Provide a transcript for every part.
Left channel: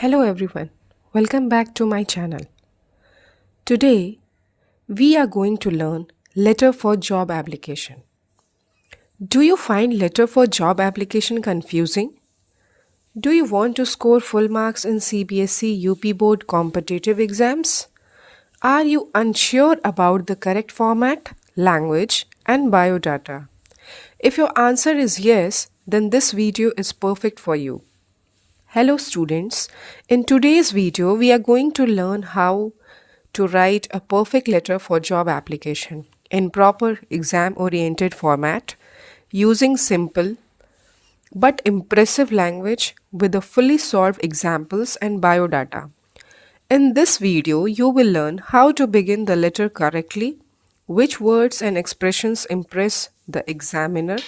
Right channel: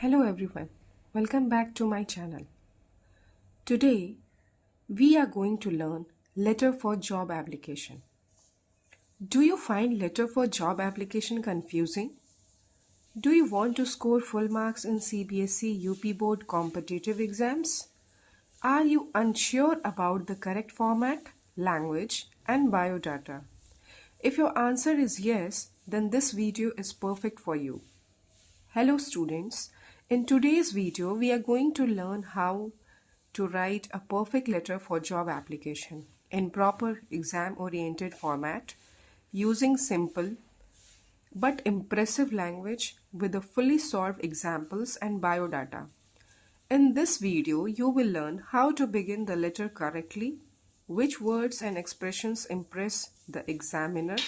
Hello everyone, welcome back to my channel. Today we are going to learn letter for job application. Do you find letter for job application confusing? Do you want to score full marks in CBSE UP board competitive exams? Are you unsure about the correct format, language and biodata? If your answer is yes, then this video is perfect for you. Hello students, in today's video we are going to learn how to write a perfect letter for job application in proper exam oriented format using simple but impressive language with a fully solved examples and biodata. In this video you will learn how to begin the letter correctly, which words and expressions impress the examiner,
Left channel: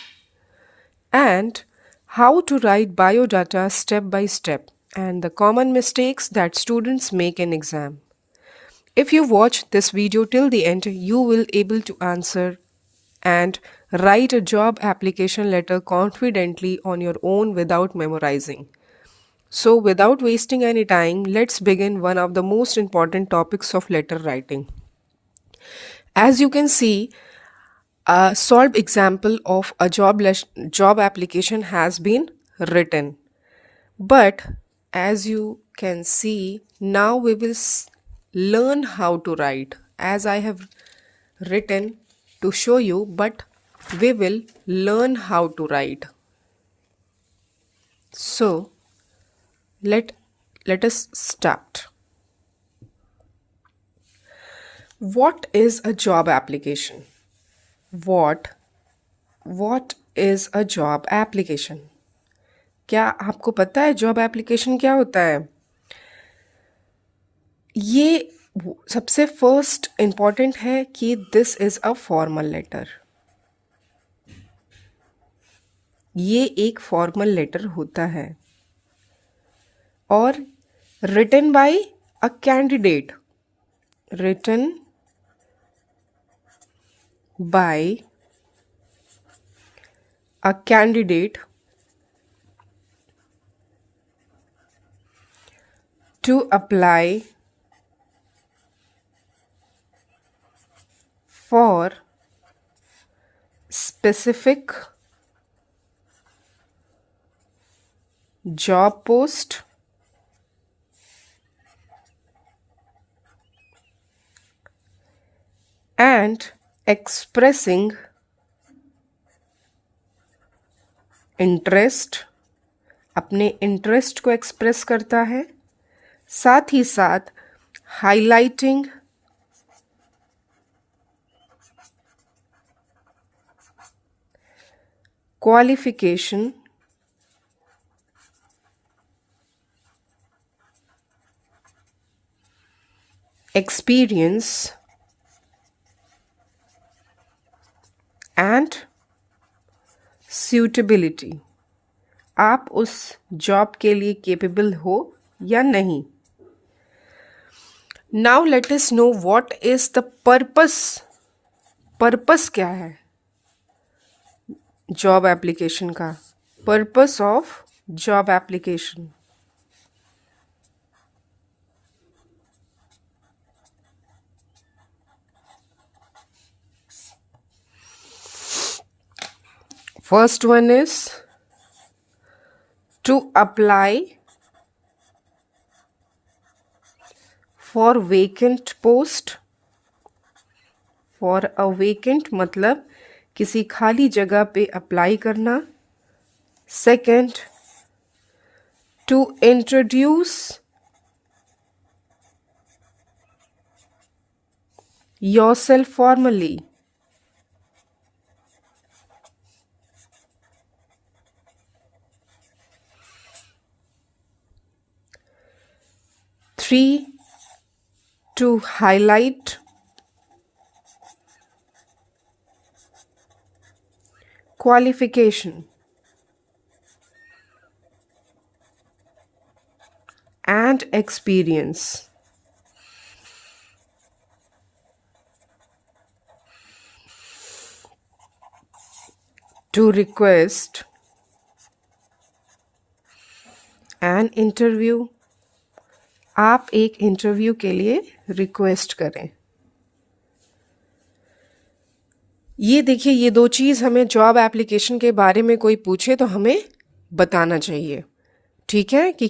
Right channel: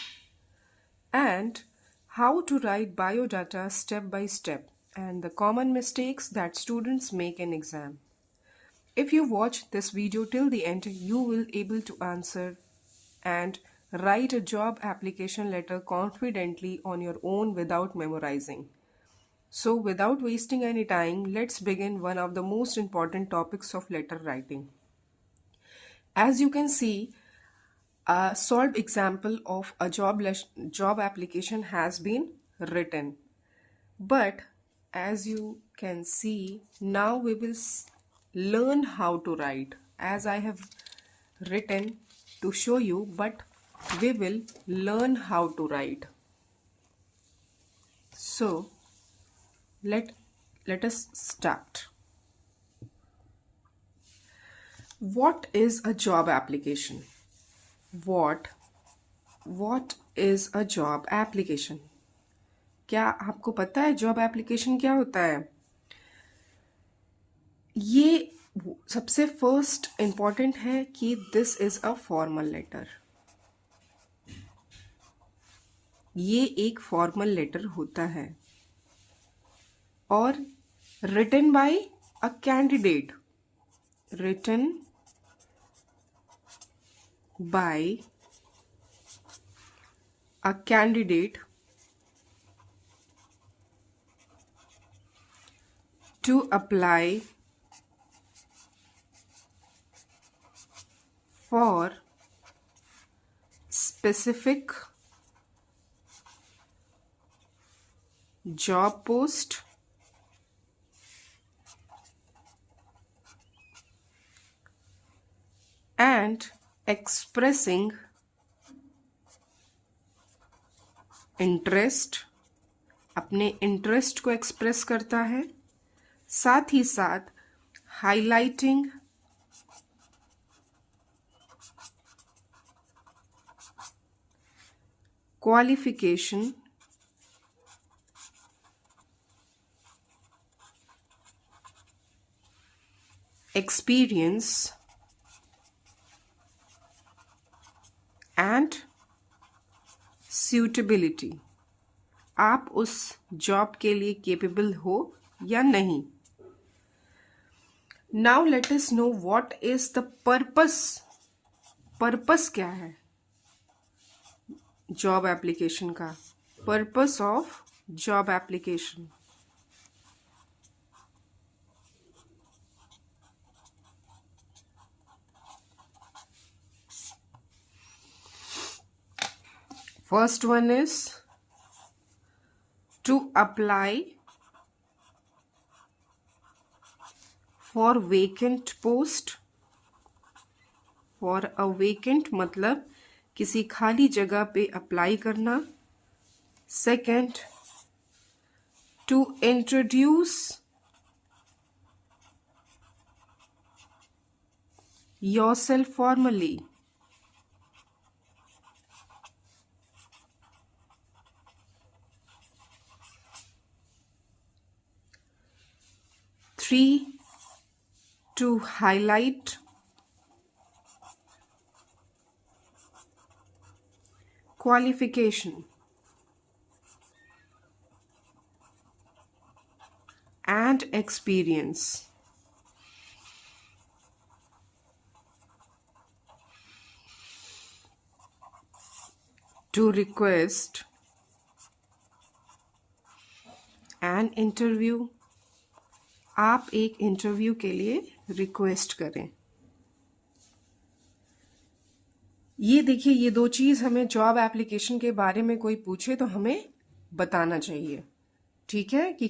and how to write biodata step by step and the common mistakes that students make in exam. If you watch this video till the end, you will able to answer and write a job application letter confidently on your own without memorizing. So without wasting any time, let's begin one of the most important topics of letter writing. As you can see, a solved example of a job application has been written. But as you can see, now we will learn how to write as I have written to show you, but we will learn how to write. So let us start. What is a job application? What what is a job application? क्या आपको पता है job application क्या होता है? ये सबसे first important है कि this is a formal letter. ये एक फॉर्मल लेटर होता है और written by a candidate. Written by a candidate to apply for specific job post and expressing interest. अपने इंटरेस्ट को एक्सप्रेस करता है, साथ ही साथ highlighting qualification, experience and suitability. आप उस जॉब के लिए केपेबल हो या नहीं. Now let us know what is the purpose. Purpose क्या है जॉब एप्लीकेशन का? Purpose of job application. First one is to apply for vacant post. For a vacant मतलब किसी खाली जगह पे अप्लाई करना. Second, to introduce yourself formally. Three, to highlight qualification and experience. To request an interview आप एक interview के लिए रिक्वेस्ट करें। ये देखिए, ये दो चीज़ हमें जॉब एप्लीकेशन के बारे में कोई पूछे तो हमें बताना चाहिए, ठीक है, कि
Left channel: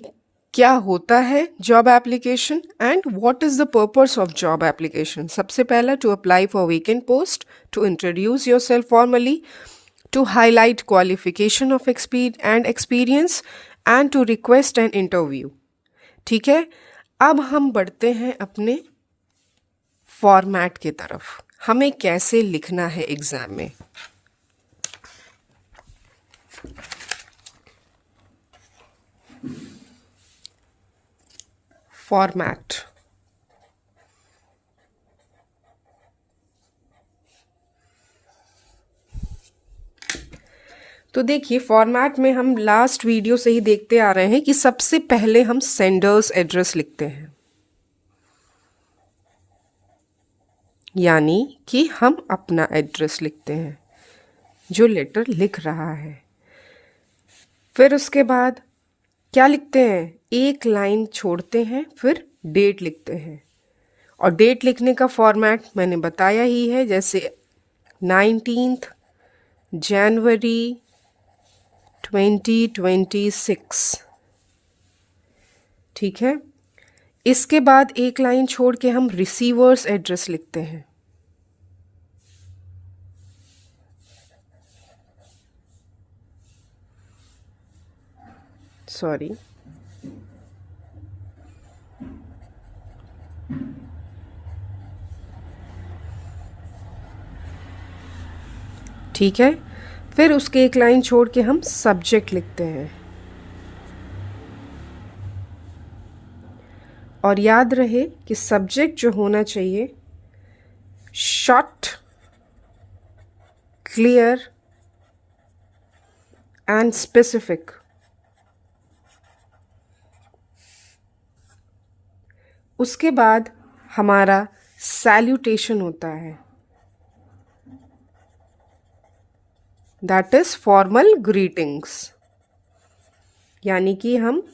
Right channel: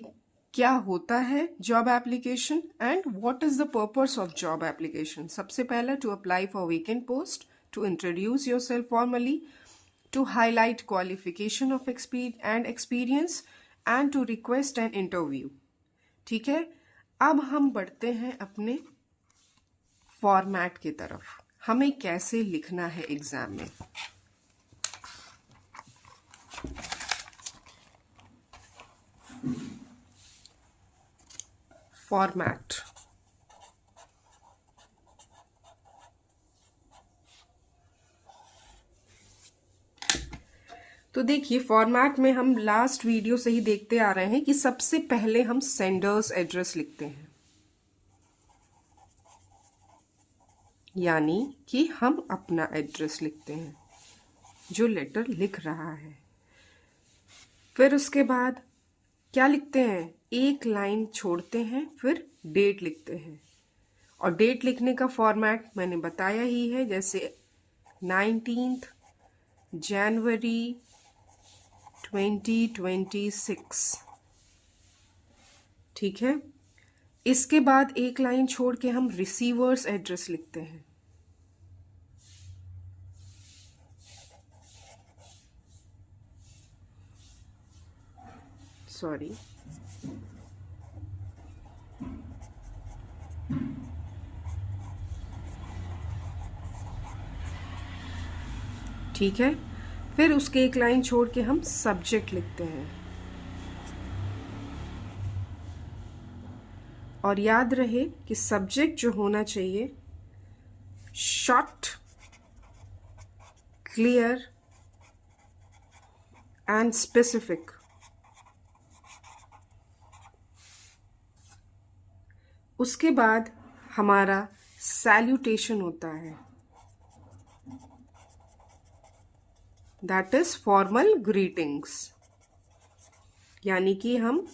क्या होता है job application and what is the purpose of job application. सबसे पहला, to apply for vacant post, to introduce yourself formally, to highlight qualification of experience and to request an interview। ठीक है, अब हम बढ़ते हैं अपने फॉर्मेट की तरफ। हमें कैसे लिखना है एग्जाम में। फॉर्मेट, तो देखिए, फॉर्मेट में हम लास्ट वीडियो से ही देखते आ रहे हैं कि सबसे पहले हम सेंडर्स एड्रेस लिखते हैं, यानी कि हम अपना एड्रेस लिखते हैं जो लेटर लिख रहा है। फिर उसके बाद क्या लिखते हैं, एक लाइन छोड़ते हैं, फिर डेट लिखते हैं। और डेट लिखने का फॉर्मेट मैंने बताया ही है, जैसे 19 जनवरी 2026, ठीक है। इसके बाद एक लाइन छोड़ के हम रिसीवर्स एड्रेस लिखते हैं। सॉरी, ठीक है। फिर उसके एक लाइन छोड़ के हम सब्जेक्ट लिखते हैं। और याद रहे कि सब्जेक्ट जो होना चाहिए, शॉर्ट, क्लियर एंड स्पेसिफिक। उसके बाद हमारा सैल्यूटेशन होता है, दैट इज फॉर्मल ग्रीटिंग्स, यानी कि हम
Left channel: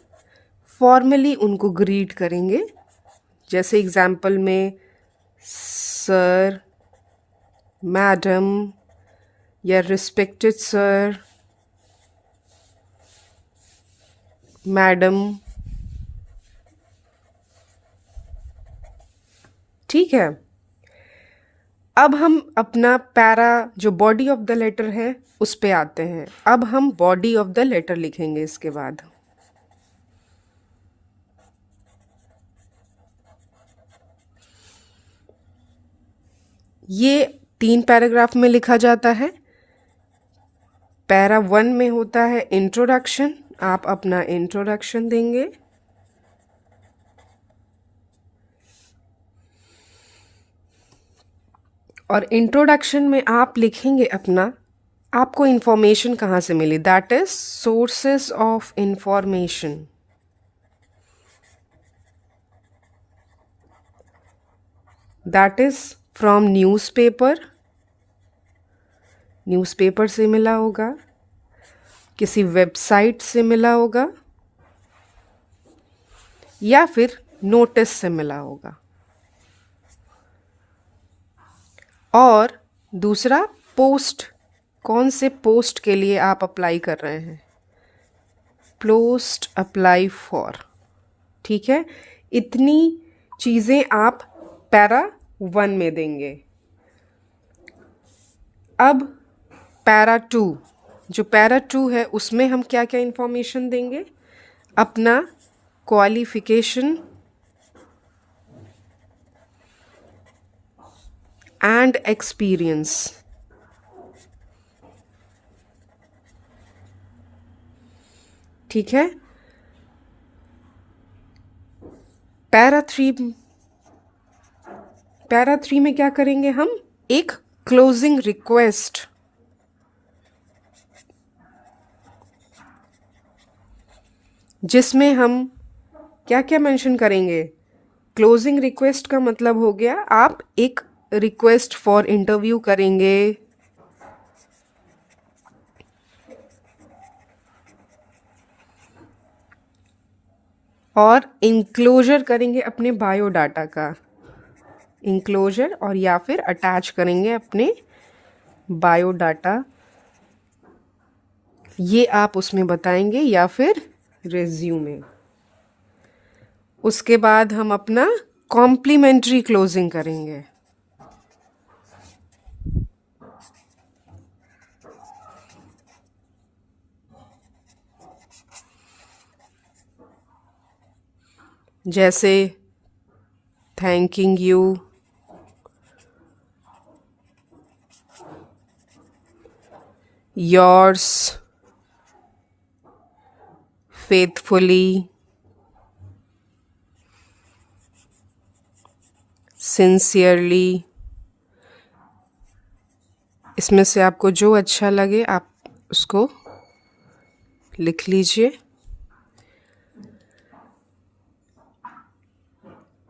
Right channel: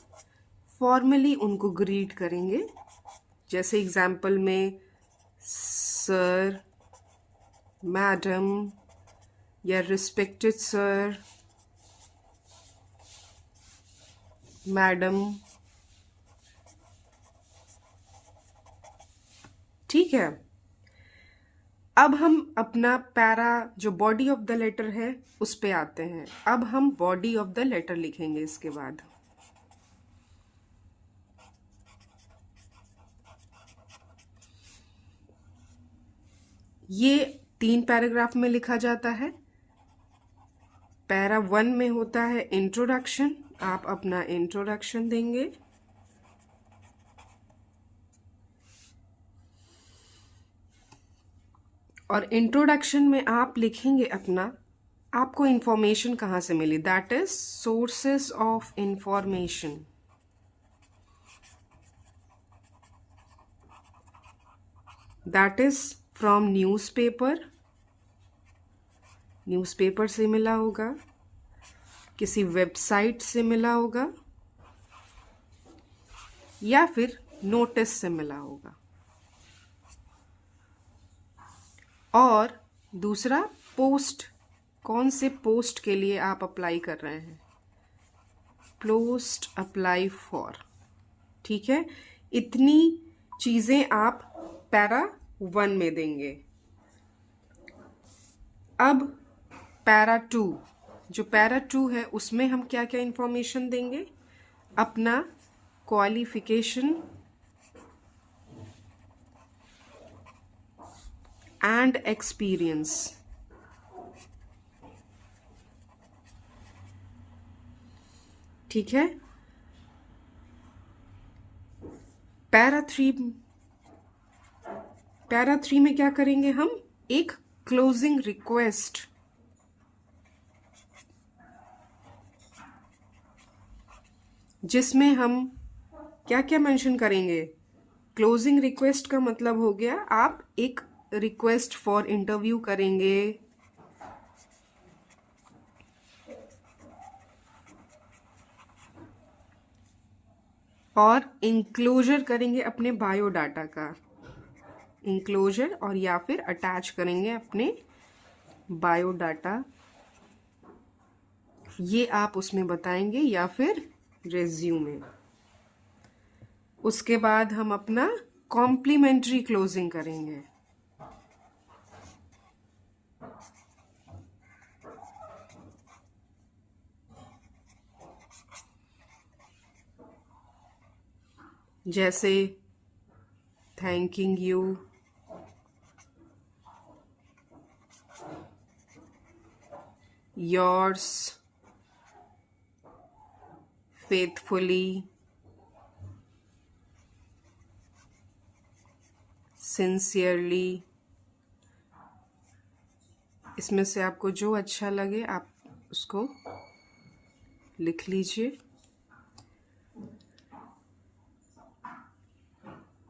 फॉर्मली उनको ग्रीट करेंगे। जैसे एग्जाम्पल में सर, मैडम या रिस्पेक्टेड सर, मैडम, ठीक है। अब हम अपना पैरा, जो बॉडी ऑफ द लेटर है, उस पे आते हैं। अब हम बॉडी ऑफ द लेटर लिखेंगे। इसके बाद ये 3 पैराग्राफ में लिखा जाता है। पैरा 1 में होता है इंट्रोडक्शन, आप अपना इंट्रोडक्शन देंगे। और इंट्रोडक्शन में आप लिखेंगे अपना, आपको इंफॉर्मेशन कहाँ से मिली, that is sources of information. That is from newspaper, newspaper से मिला होगा, किसी वेबसाइट से मिला होगा, या फिर नोटिस से मिला होगा। और दूसरा, पोस्ट, कौन से पोस्ट के लिए आप अप्लाई कर रहे हैं, पोस्ट अप्लाई फॉर, ठीक है। इतनी चीज़ें आप पैरा 1 में देंगे। अब पैरा 2, जो पैरा 2 है, उसमें हम क्या क्या इंफॉर्मेशन देंगे, अपना क्वालिफिकेशन एंड एक्सपीरियंस, ठीक है। पैरा 3 में क्या करेंगे हम, एक क्लोजिंग रिक्वेस्ट, जिसमें हम क्या क्या मेंशन करेंगे। क्लोजिंग रिक्वेस्ट का मतलब हो गया, आप एक रिक्वेस्ट फॉर इंटरव्यू करेंगे, और इंक्लोजर करेंगे अपने बायोडाटा का, इंक्लोजर, और या फिर अटैच करेंगे अपने बायोडाटा, ये आप उसमें बताएंगे या फिर रेज्यूमे। उसके बाद हम अपना कॉम्प्लीमेंट्री क्लोजिंग करेंगे। जैसे thanking you, yours faithfully, sincerely. इसमें से आपको जो अच्छा लगे आप उसको लिख लीजिए।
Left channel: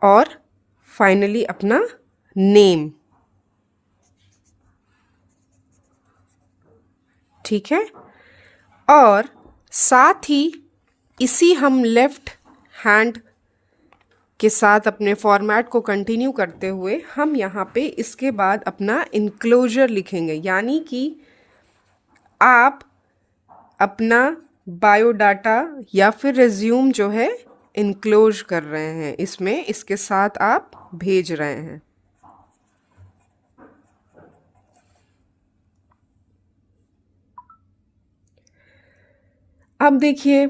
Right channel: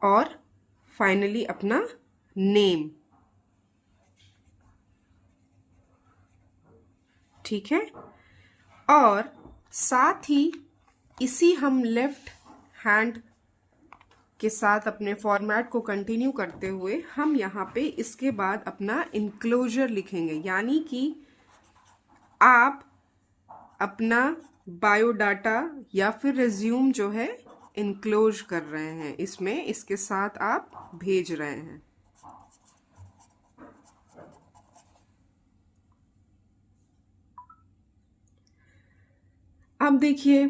और फाइनली अपना नेम, ठीक है। और साथ ही इसी हम लेफ्ट हैंड के साथ अपने फॉर्मेट को कंटिन्यू करते हुए हम यहाँ पे इसके बाद अपना इनक्लोजर लिखेंगे, यानी कि आप अपना बायोडाटा या फिर रिज्यूम जो है इनक्लोज कर रहे हैं इसमें, इसके साथ आप भेज रहे हैं। अब देखिए,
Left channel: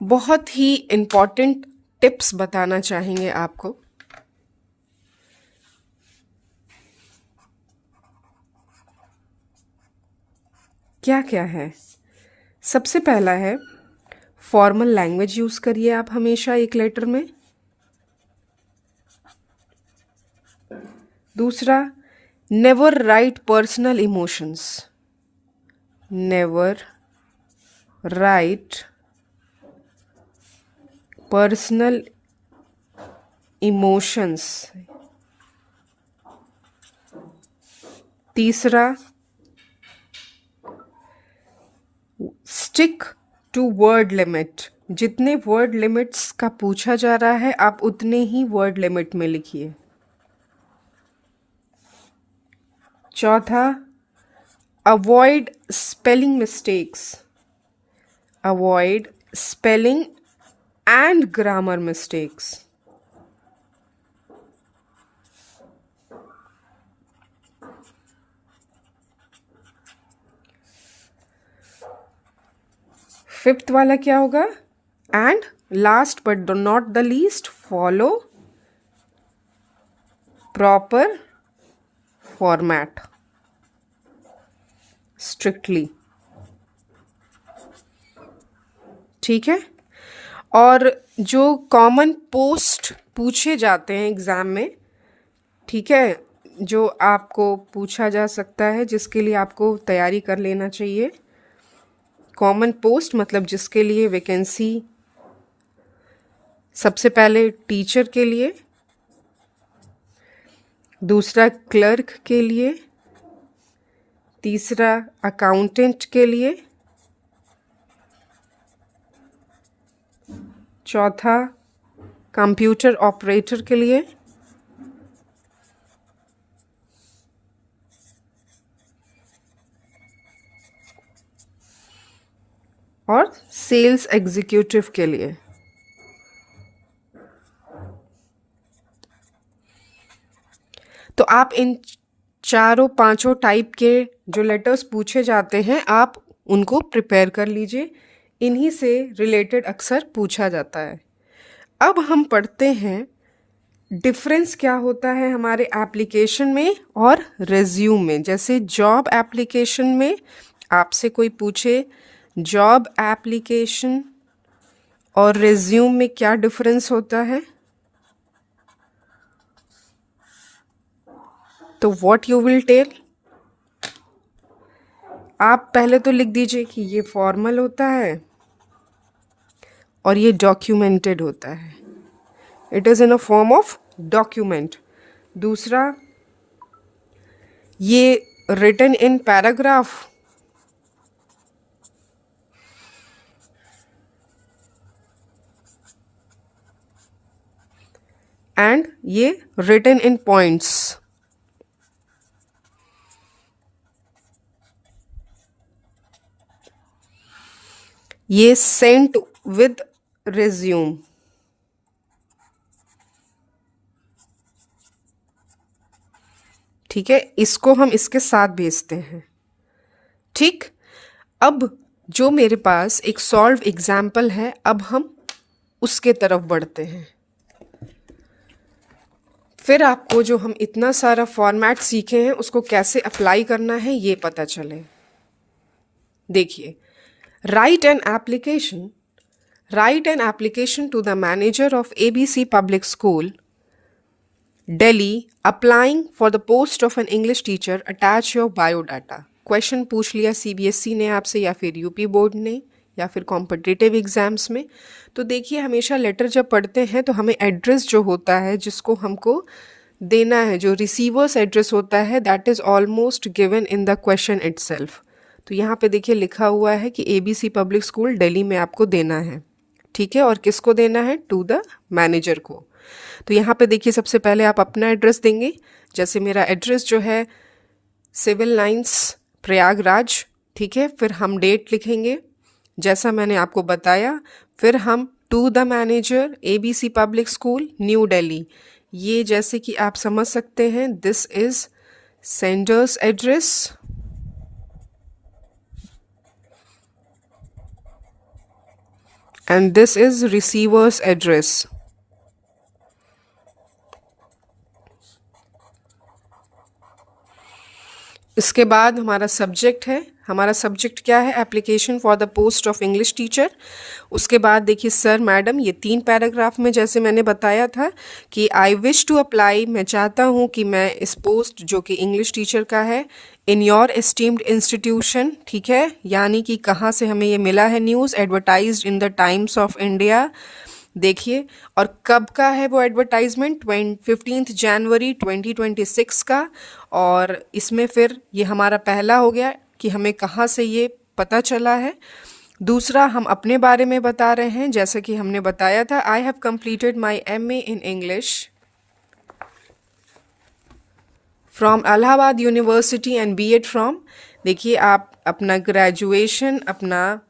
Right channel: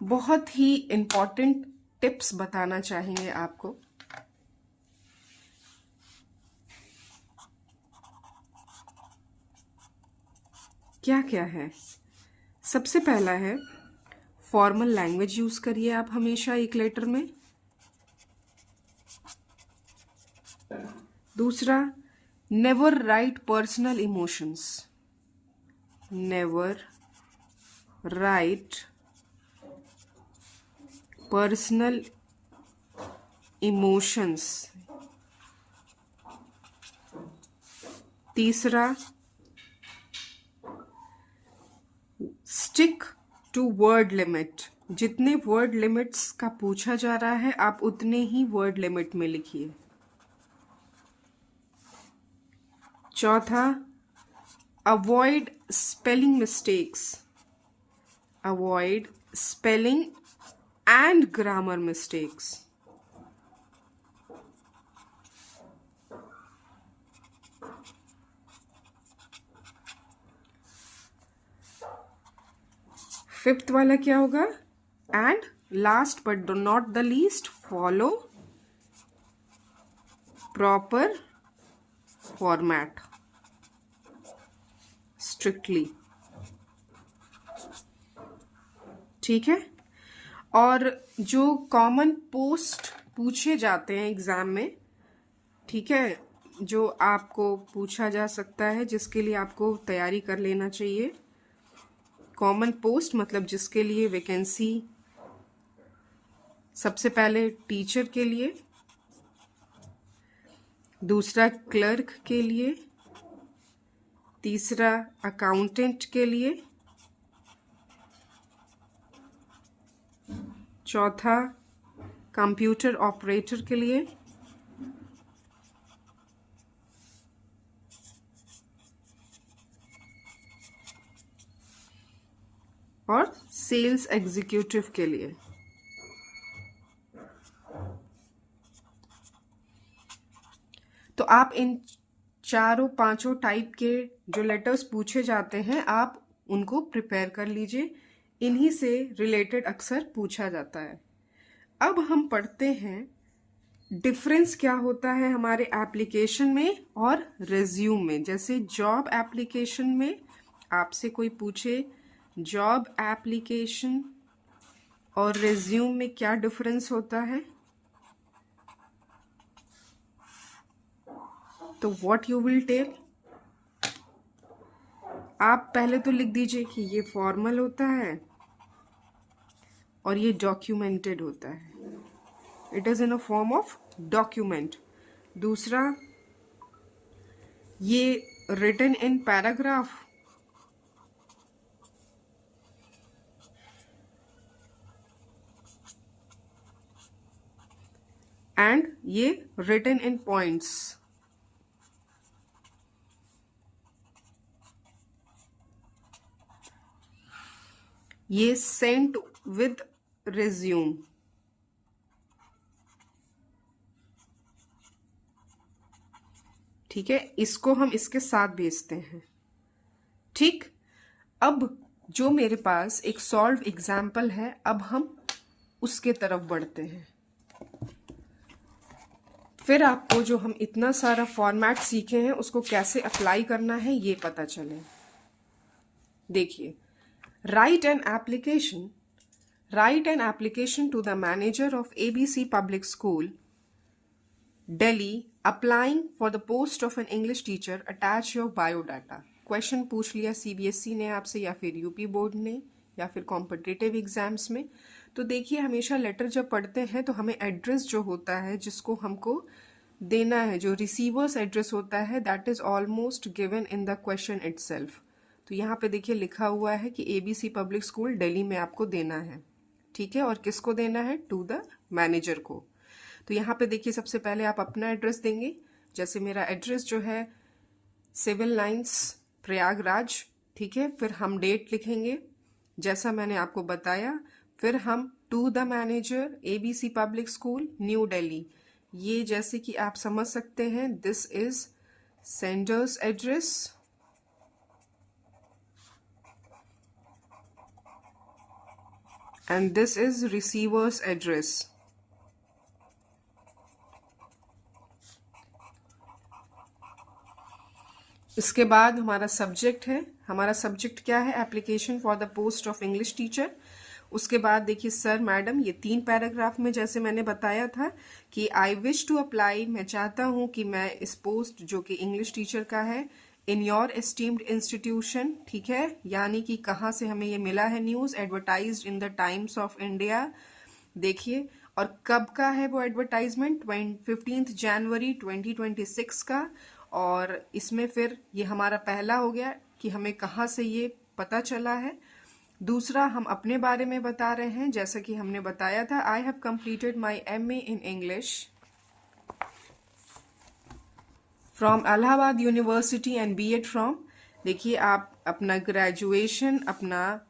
बहुत ही इम्पॉर्टेंट टिप्स बताना चाहेंगे आपको। क्या क्या है? सबसे पहला है फॉर्मल लैंग्वेज यूज़ करिए आप हमेशा एक लेटर में। दूसरा, never write personal emotions, never write personal emotions. तीसरा, स्टिक टू वर्ड लिमिट, जितने वर्ड लिमिट्स का पूछा जा रहा है आप उतने ही वर्ड लिमिट में लिखिए। चौथा, avoid spelling mistakes, avoid spelling and grammar mistakes. Fifth वाला क्या होगा? And last but not the least, follow proper format strictly, ठीक है। और जो कॉमन पोस्ट पूछे जाते हैं एग्ज़ाम में, ठीक है, जो आपको पूछा जा सकता है जिसके लिए आपको तैयारी कर लेना चाहिए। कॉमन पोस्ट मतलब जिसके लिए वैकेंसी, सबसे पहले टीचर के लिए, दूसरा क्लर्क के लिए, तीसरा अकाउंटेंट के लिए, चौथा कंप्यूटर ऑपरेटर के लिए, और सेल्स एग्जीक्यूटिव के लिए। तो आप इन चारों पांचों टाइप के जो लेटर्स पूछे जाते हैं आप उनको प्रिपेयर कर लीजिए, इन्हीं से रिलेटेड अक्सर पूछा जाता है। अब हम पढ़ते हैं डिफरेंस क्या होता है हमारे एप्लीकेशन में और रिज्यूम में। जैसे जॉब एप्लीकेशन में आपसे कोई पूछे जॉब एप्लीकेशन और रिज्यूम में क्या डिफरेंस होता है, तो व्हाट यू विल टेल, आप पहले तो लिख दीजिए कि ये फॉर्मल होता है और ये डॉक्यूमेंटेड होता है, it is in a form of document. दूसरा, ये रिटन इन पैराग्राफ, एंड ये रिटन इन पॉइंट्स। ये सेंट विद रिज्यूम। ठीक है, इसको हम इसके साथ भेजते हैं। ठीक, अब जो मेरे पास एक सॉल्व एग्जाम्पल है, अब हम उसके तरफ बढ़ते हैं। फिर आपको जो हम इतना सारा फॉर्मेट सीखे हैं उसको कैसे अप्लाई करना है ये पता चले। देखिए, write an application to the manager of ABC public school Delhi applying for the post of an English teacher, attach your biodata। Question पूछ लिया CBSE ने आपसे या फिर यूपी बोर्ड ने या फिर कॉम्पिटिटिव एग्जाम्स में। तो देखिए, हमेशा लेटर जब पढ़ते हैं तो हमें एड्रेस जो होता है जिसको हमको देना है, जो रिसीवर्स एड्रेस होता है, that is almost given in the question itself. तो यहाँ पे देखिए लिखा हुआ है कि ABC पब्लिक स्कूल दिल्ली में आपको देना है। ठीक है, और किसको देना है? टू द मैनेजर को। तो यहाँ पे देखिए, सबसे पहले आप अपना एड्रेस देंगे। जैसे मेरा एड्रेस जो है सिविल लाइंस प्रयागराज। ठीक है, फिर हम डेट लिखेंगे जैसा मैंने आपको बताया। फिर हम to the manager ABC public school new Delhi. ये जैसे कि आप समझ सकते हैं, this is sender's address and this is receiver's address. इसके बाद हमारा सब्जेक्ट है। हमारा सब्जेक्ट क्या है? Application for the post of English teacher. उसके बाद देखिए, सर मैडम, ये 3 पैराग्राफ में जैसे मैंने बताया था कि आई विश टू अप्लाई, मैं चाहता हूँ कि मैं इस पोस्ट जो कि इंग्लिश टीचर का है, इन योर एस्टीम्ड इंस्टीट्यूशन। ठीक है, यानी कि कहाँ से हमें ये मिला है news? Advertised in the times of India. देखिए, और कब का है वो एडवर्टाइजमेंट? 15 जनवरी 2026 का। और इसमें फिर ये हमारा पहला हो गया कि हमें कहाँ से ये पता चला है। दूसरा, हम अपने बारे में बता रहे हैं, जैसे कि हमने बताया था, I have completed my MA in English from Allahabad university and B.Ed from. देखिए, आप अपना ग्रेजुएशन, अपना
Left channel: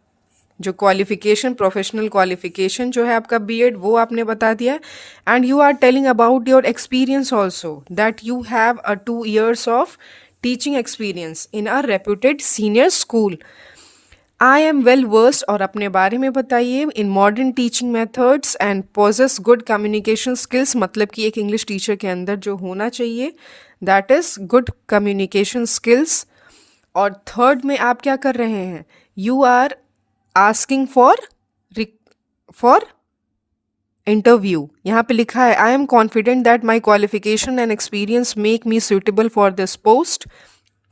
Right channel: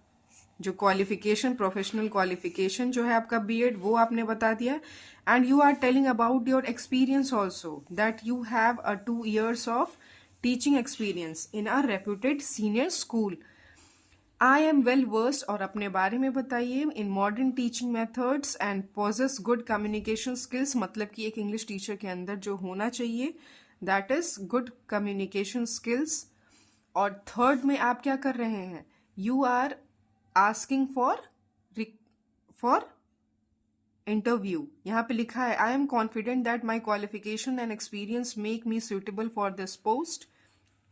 जो क्वालिफिकेशन, प्रोफेशनल क्वालिफिकेशन जो है आपका B.Ed, वो आपने बता दिया। And you are telling about your experience also, that you have a 2 years of teaching experience in a reputed senior school. I am well versed, और अपने बारे में बताइए, in modern teaching methods and possess good communication skills. मतलब कि एक English teacher के अंदर जो होना चाहिए, that is good communication skills. और थर्ड में आप क्या कर रहे हैं? You are asking for interview. यहाँ पे लिखा है, I am confident that my qualification and experience make me suitable for this post.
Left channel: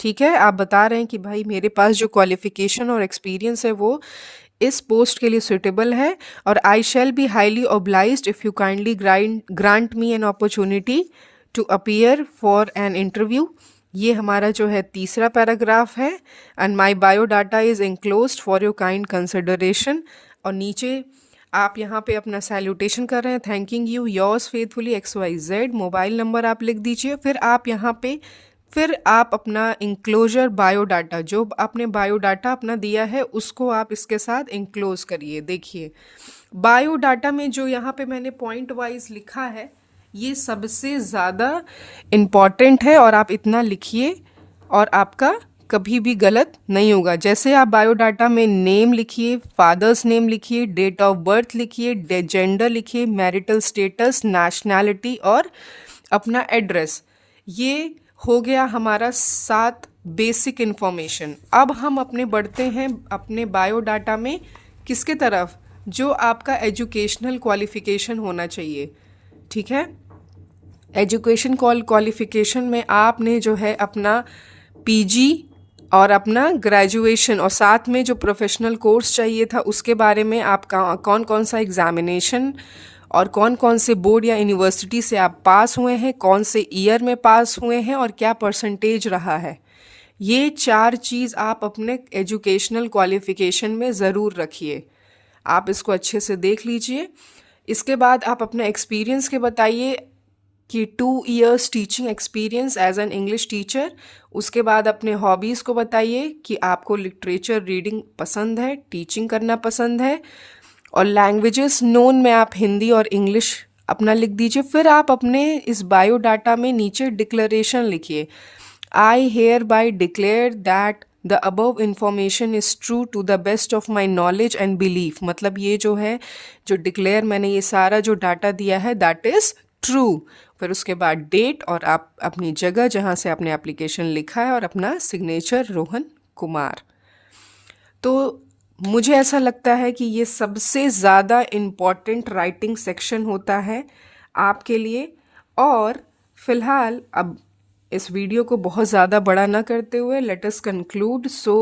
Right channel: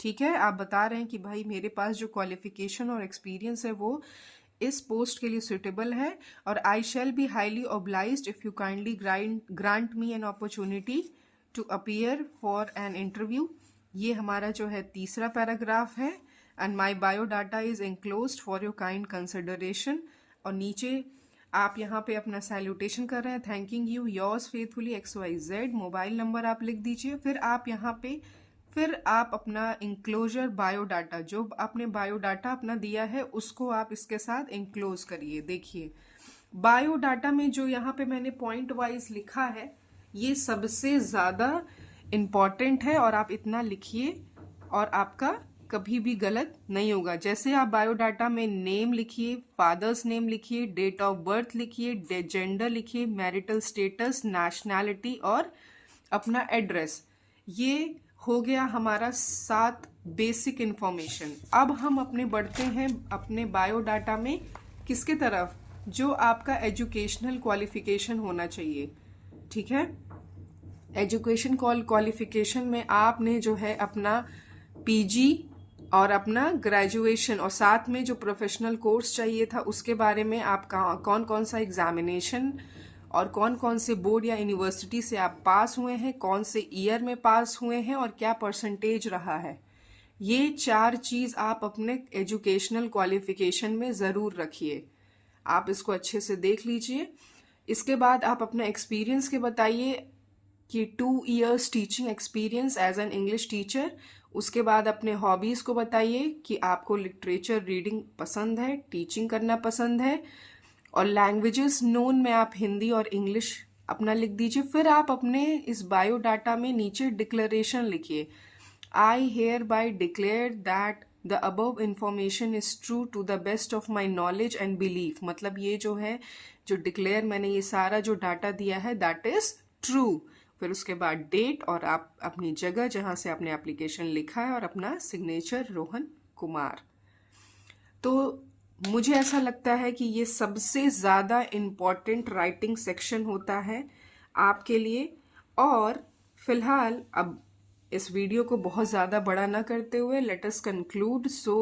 ठीक है, आप बता रहे हैं कि भाई मेरे पास जो क्वालिफिकेशन और एक्सपीरियंस है वो इस पोस्ट के लिए सूटेबल है। और I shall be highly obliged if you kindly grant me an opportunity to appear for an interview. ये हमारा जो है तीसरा पैराग्राफ है। And my biodata is enclosed for your kind consideration. और नीचे आप यहाँ पे अपना सैल्यूटेशन कर रहे हैं, thanking you yours faithfully XYZ। Mobile number आप लिख दीजिए। फिर आप यहाँ पे अपना इंक्लोजर बायोडाटा, जो आपने बायोडाटा अपना दिया है उसको आप इसके साथ इंक्लोज करिए। देखिए, बायोडाटा में जो यहाँ पे मैंने पॉइंट वाइज लिखा है, ये सबसे ज़्यादा इम्पॉर्टेंट है, और आप इतना लिखिए और आपका कभी भी गलत नहीं होगा। जैसे आप बायोडाटा में नेम लिखिए, फादर्स नेम लिखिए, डेट ऑफ बर्थ लिखिए, जेंडर लिखिए, मैरिटल स्टेटस, नेशनैलिटी और अपना एड्रेस। ये हो गया हमारा 7 बेसिक इन्फॉर्मेशन। अब हम अपने बढ़ते हैं अपने बायोडाटा में किसके तरफ? जो आपका एजुकेशनल क्वालिफिकेशन होना चाहिए। ठीक है, एजुकेशन क्वालिफिकेशन में आपने जो है अपना PG और अपना ग्रेजुएशन, और साथ में जो प्रोफेशनल कोर्स चाहिए था उसके बारे में आपका कौन कौन सा एग्जामिनेशन और कौन कौन से बोर्ड या यूनिवर्सिटी से आप पास हुए हैं, कौन से ईयर में पास हुए हैं और क्या परसेंटेज रहा है। ये 4 चीज़ आप अपने एजुकेशनल क्वालिफिकेशन में ज़रूर रखिए। आप इसको अच्छे से देख लीजिए। इसके बाद आप अपना एक्सपीरियंस के बताइए। कि 2 years teaching experience as an English teacher, उसके बाद अपने हॉबीज़ को बताइए कि आपको लिटरेचर रीडिंग पसंद है, टीचिंग करना पसंद है, और लैंग्वेजेस नोन में आप हिंदी और इंग्लिश अपना लिख दीजिए। फिर आप अपने इस बायोडाटा में नीचे डिक्लेरेशन लिखिए, I hereby declare that the above information is true to the best of my knowledge and belief. मतलब ये जो है, जो डिक्लेयर मैंने ये सारा जो डाटा दिया है दैट इज़ ट्रू। फिर उसके बाद डेट और आप अपनी जगह जहाँ से आपने एप्लीकेशन लिखा है और अपना सिग्नेचर रोहन कुमार। तो मुझे ऐसा लगता है कि ये सबसे ज़्यादा इम्पॉर्टेंट राइटिंग सेक्शन होता है आपके लिए। और फिलहाल अब इस वीडियो को बहुत ज़्यादा बड़ा ना करते हुए let us conclude. So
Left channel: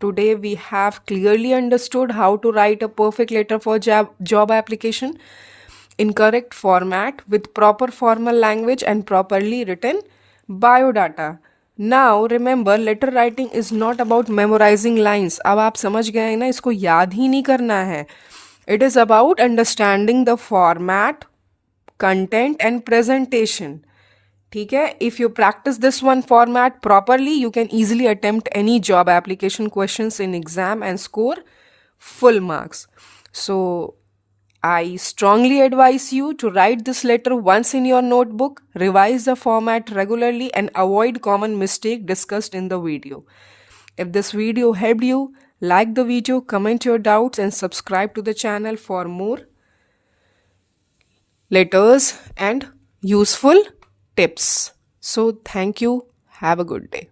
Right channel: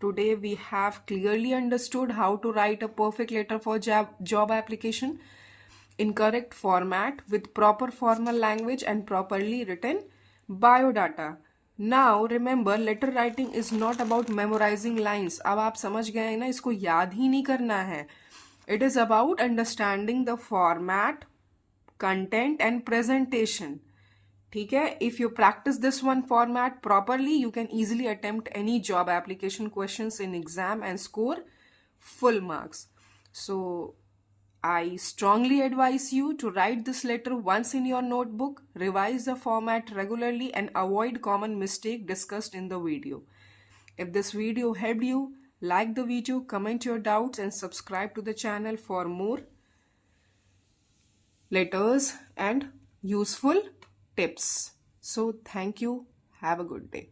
today we have clearly understood how to write a perfect letter for job application in correct format with proper formal language and properly written biodata. Now remember, letter writing is not about memorizing lines. अब आप समझ गए हैं ना, इसको याद ही नहीं करना है. It is about understanding the format, content and presentation. ठीक है? If you practice this one format properly, you can easily attempt any job application questions in exam and score full marks. So I strongly advise you to write this letter once in your notebook, revise the format regularly and avoid common mistake discussed in the video. If this video helped you, like the video, comment your doubts and subscribe to the channel for more letters and useful tips. So thank you. Have a good day.